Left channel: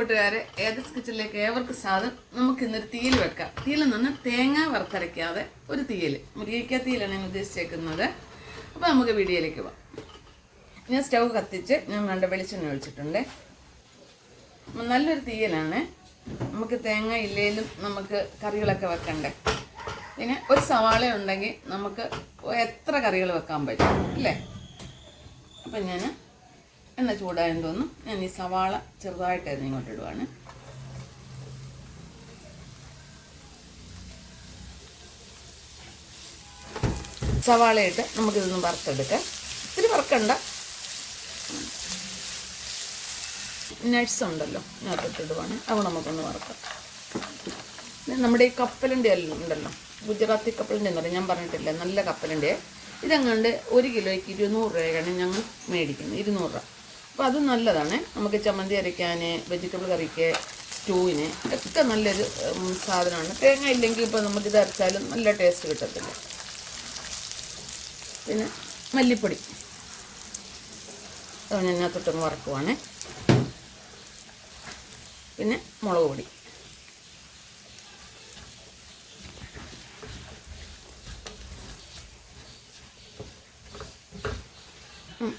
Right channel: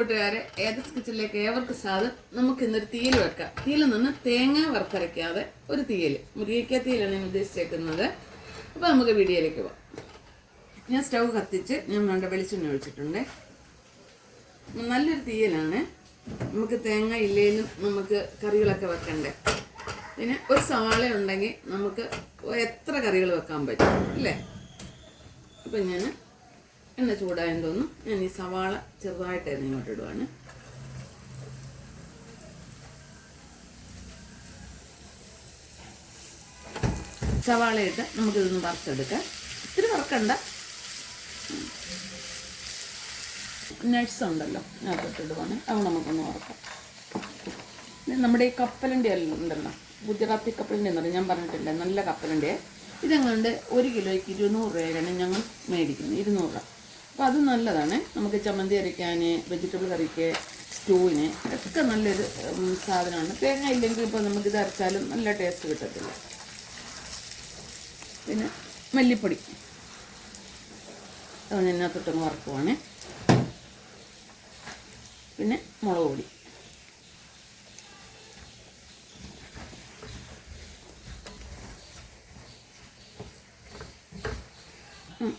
കൂട്ടുകാരെ, ഏതസ് കിച്ചണിലേക്ക് ഏവർക്ക് സ്വാഗതം. നമുക്ക് ഇന്നൊരു തീയൽ വെക്കാം. തീയിൽ നിന്ന് തേങ്ങ വറുത്തരയ്ക്കാതെ ഒരു തീയൽ, മുരിങ്ങയ്ക്ക തീയലാണ് ഞാൻ ഉദ്ദേശിച്ചേക്കുന്നത്. അപ്പോൾ നമുക്ക് വീഡിയോയിലേക്ക് പോകാം. ഞാൻ സ്റ്റൗ കത്തിച്ച് ഞാൻ വേണ്ട വെളിച്ചെണ്ണ ഒഴിച്ചിട്ടുണ്ട്. നല്ലൊരു തീയലാണ്. നമുക്ക് തേങ്ങ ഇല്ലെങ്കിലും നമുക്ക് കറികളൊക്കെ വെക്കണ്ടേ. പിന്നെ ഒരു സവാള ഉണ്ടെങ്കിൽ നമുക്ക് എത്ര കറികൾ വെക്കാൻ പറ്റും അല്ലേ. അപ്പം ഞാൻ എണ്ണ ചൂടായെന്ന് തോന്നുന്നു. ഞാൻ ഈ സവാള ചെറുതായിട്ടായിരുന്നു ഇങ്ങോട്ട് ഇടുവാണ്. സവാളയിട്ട് നമുക്കിതൊന്ന് വറുത്തെടുക്കാം. ഇത്തിരി വറുക്കണ്ട. നട്ട്സ് ഉണ്ടല്ലോ അതിനകത്ത് ഇടുവാണ്. അവ നമുക്കൊന്ന് വറുക്കാം. നമ്മുടെ ഈ കപ്പലിൻ്റെ എല്ലാം ഉണ്ടല്ലോ, ഗുജറാത്തി കപ്പലിൻ്റെ എന്ന് പറയും, ഞാൻ പറഞ്ഞിട്ടില്ല, നല്ല കപ്പലിൻ്റെ. ഇതെങ്ങാണ്ട് 1 കിലോയ്ക്ക് 200 രൂപയാണ് ഞങ്ങൾ മേടിക്കുന്നത്. 200 രൂപ. അപ്പോൾ അത് നല്ലതാണ്. നമുക്ക് ചമ്മന്തി അരയ്ക്കാൻ, വെജിറ്റബിൾ കറിക്ക്, സ്റ്റൂവിന് ഒക്കെ നല്ലൊരു സാധനമാണ്. തേങ്ങ ഇല്ലെങ്കിൽ ഇപ്പോൾ നമുക്കിത് അരച്ചാലും നല്ല ടേസ്റ്റ് കിട്ടത്തില്ല. പിന്നെ മല്ലിപ്പൊടി അതിനകത്തൊട്ടൊന്ന് വറക്കുവാണ്. പിന്നെ മുളക് പൊടി,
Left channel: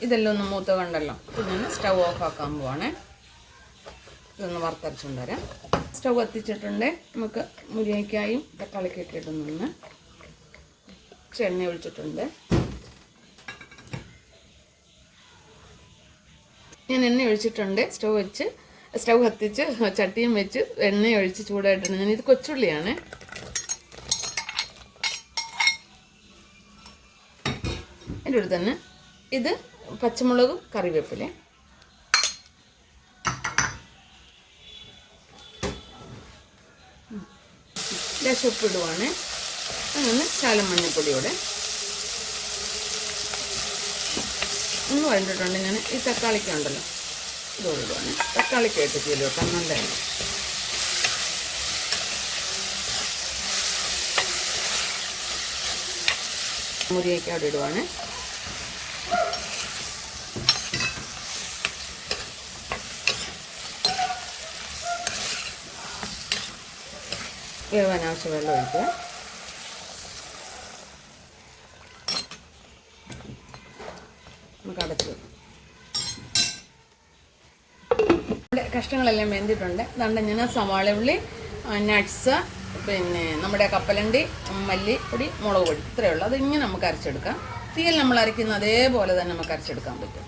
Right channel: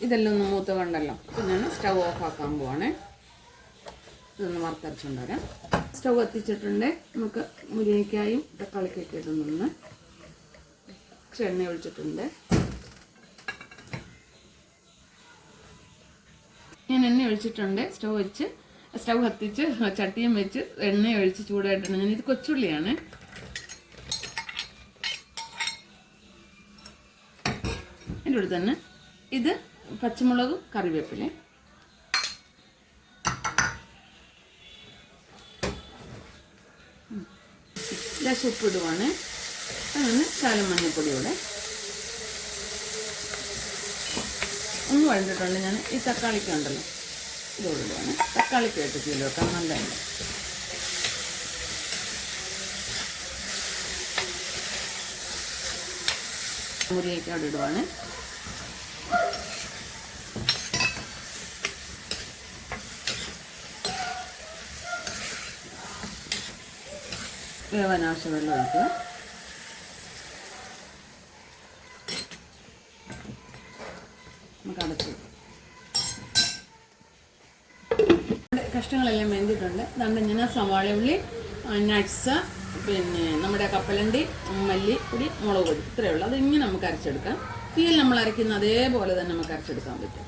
ഇതെല്ലാം ഒന്ന് മൂത്ത കണ്ടല്ലോ. ഞാൻ സ്റ്റൗ ഓഫ് ആക്കാൻ പോവാണ്. ഇതൊന്ന് വറുത്തരച്ചുകൊണ്ട് വരാം. സ്റ്റൗ കത്തിച്ചിട്ടുണ്ട്. നമുക്ക് മുരിങ്ങയ്ക്കായും തക്കാളിക്കൊക്കെ ഇടുന്നു. എണ്ണ ഒഴിച്ചിട്ടുണ്ട്. ഞാൻ എണ്ണ ഒഴിച്ചിട്ടുണ്ട്. സ്റ്റൗ കത്തിച്ച് ചട്ടിയും വെച്ച് എണ്ണ ഒഴിച്ച് ചൂടായിട്ടുണ്ട്. ഇത് കൊച്ചുള്ളിയാണ്. എൻ്റെ കൂടെ തന്നെ ഇത് പച്ചമുളകും കറിവേപ്പില, ഉപ്പിടുവാണ്. അങ്ങനെ ശകലം മഞ്ഞപ്പൊടിയോടെ ഒന്ന് വഴണ്ടിട്ടുണ്ട്. ഞാൻ ഈ തക്കാളിക്ക ഉണ്ടല്ലോ ഇതുകൊണ്ടുവാണ്. തക്കാളിക്കായിട്ട് തീയിൽ വെക്കാൻ നല്ലതാണ്. മുരിങ്ങയ്ക്ക അവിടെ ഇടുവാണ്. വേവാനാവശ്യം വെള്ളം ഒഴിക്കുക. നമുക്ക് അടച്ച് കഷ്ണങ്ങളെല്ലാം വെന്തിട്ടുണ്ട്. അതുകൊണ്ട് ഞാൻ സവാള ഉള്ളി, നട്ട്സ്, പിന്നെ നമ്മുടെ കപ്പലണ്ടി, മല്ലിപ്പൊടി, മുളക് പൊടി, ഇത്രയേ ഉള്ളൂ. അതിങ്ങനെ നമുക്ക് അരച്ചെടുക്കാം. തീയിൽ നമ്മൾ അരയ്ക്കുന്ന അതേപോലെ തന്നെ നമുക്ക് അരച്ചെടുക്കാൻ പറ്റും.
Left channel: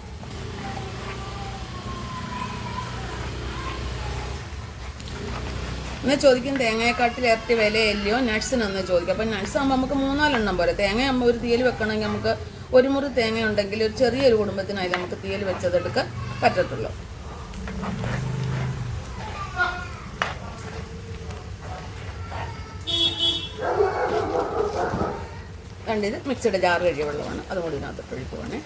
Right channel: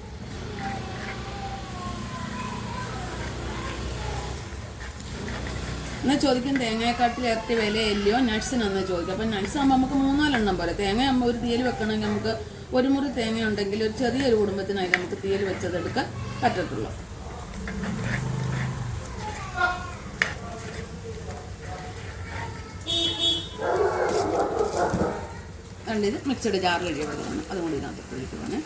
എന്നാൽ ചോദിക്കും തേങ്ങയെക്കാട്ടിൽ ഇരട്ടി വിലയില്ലയോ നട്ട്സിനൊന്ന് ചോദിക്കും. അപ്പം നട്ട്സ് ആകുമ്പോൾ നമുക്ക് 3-4 എണ്ണം പോരെ. തേങ്ങയാകുമ്പോൾ ഒരു തീയൽ വെക്കണമെങ്കിൽ നമുക്ക് ഒരു മുറി തേങ്ങ ഉണ്ടെങ്കിൽ ഒരു ചെറിയൊരു കുടുംബത്തിനായി നമുക്ക് തീയൽ വെച്ചതെടുക്കാൻ പറ്റത്തുള്ളൂ. ഇത് മിക്സഡ് ജാർ കഴിയ വെള്ളമാണ്. അതുകൊണ്ട് ഇതിനകത്ത് ഒഴിക്കുവാണ്.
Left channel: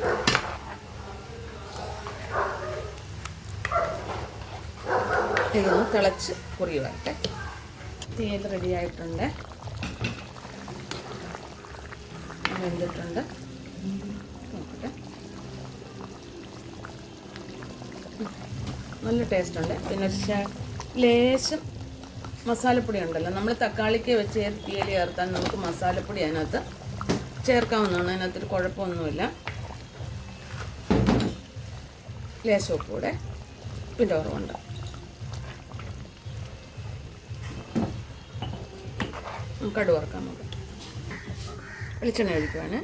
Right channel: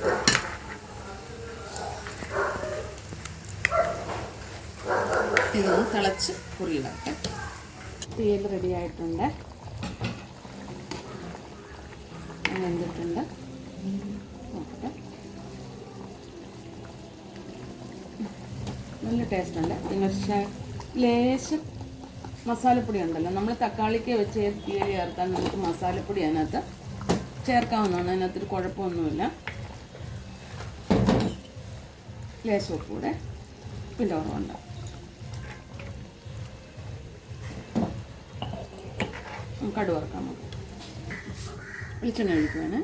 ഇതൊന്ന് തിളച്ച് കുറി വരട്ടെ. തീയൽ റെഡി ആയിട്ടുണ്ട്. വെന്തിട്ടുണ്ട്. നോക്കട്ടെ. നല്ല ടേസ്റ്റ് ഉണ്ട്. പിന്നെ ലേശം മസാലപ്പൊടി ഉണ്ടല്ലോ, നമ്മൾ തക്കാളിക്ക് വെച്ച് തീയൽ ചേർത്താൽ നമുക്ക് മസാലപ്പൊടി അതിനകത്ത് ചേർക്കാവുന്നതാണ്. അതിനകത്തൊരു കുഴപ്പമൊന്നുമില്ല. ലേശം കൂടെ പിന്നെ ഓർമ്മയുണ്ട്. കടുക് വറുക്കാൻ നോക്കാം. വെളിച്ചെണ്ണ ഒഴിക്കുവാണ്.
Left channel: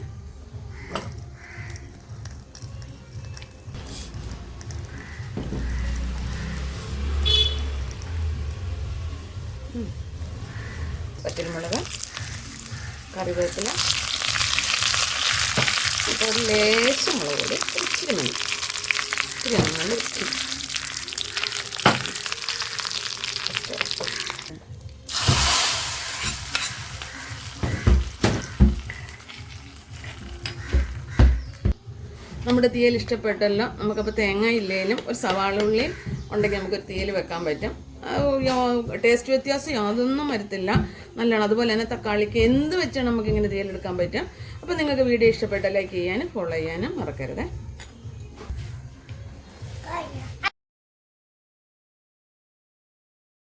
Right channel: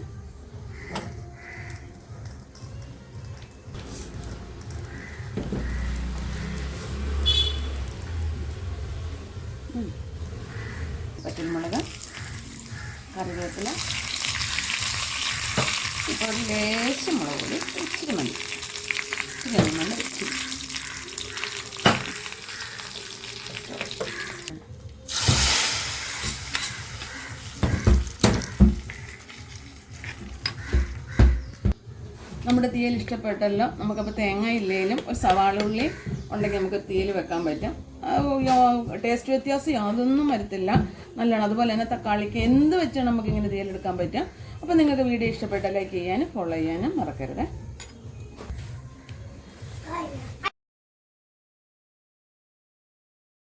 പച്ചമുളക്, കറിവേപ്പില, ഇപ്പോൾ ഒരു ലേശം മുളക് പൊടി, ഇച്ചിരി മതി, ഇച്ചിരി നല്ല നമ്മുടെ തീയൽ ഇഷ്ടപ്പെട്ടല്ലോ. നമുക്കപ്പോൾ തേങ്ങ ഇല്ലെങ്കിലും ഒരു സവാള ഉള്ളി ഉണ്ടെങ്കിൽ നമുക്കൊരു തീയൽ വെക്കാൻ പറ്റും. ടേസ്റ്റ് വ്യത്യാസം യാതൊന്നും വരത്തില്ല, നല്ലതാണ്. അതുപോലെ തന്നെ തക്കാളിക്ക് എന്ത് വെച്ചാണ് നമുക്കിങ്ങനെ തീയലെടുക്കാൻ പറ്റും. അപ്പോൾ നിങ്ങൾക്ക് വീഡിയോ ഇഷ്ടപ്പെട്ടാൽ ലൈക്ക് ചെയ്യാനും ഫോളോ ചെയ്യാനും മറക്കരുത്.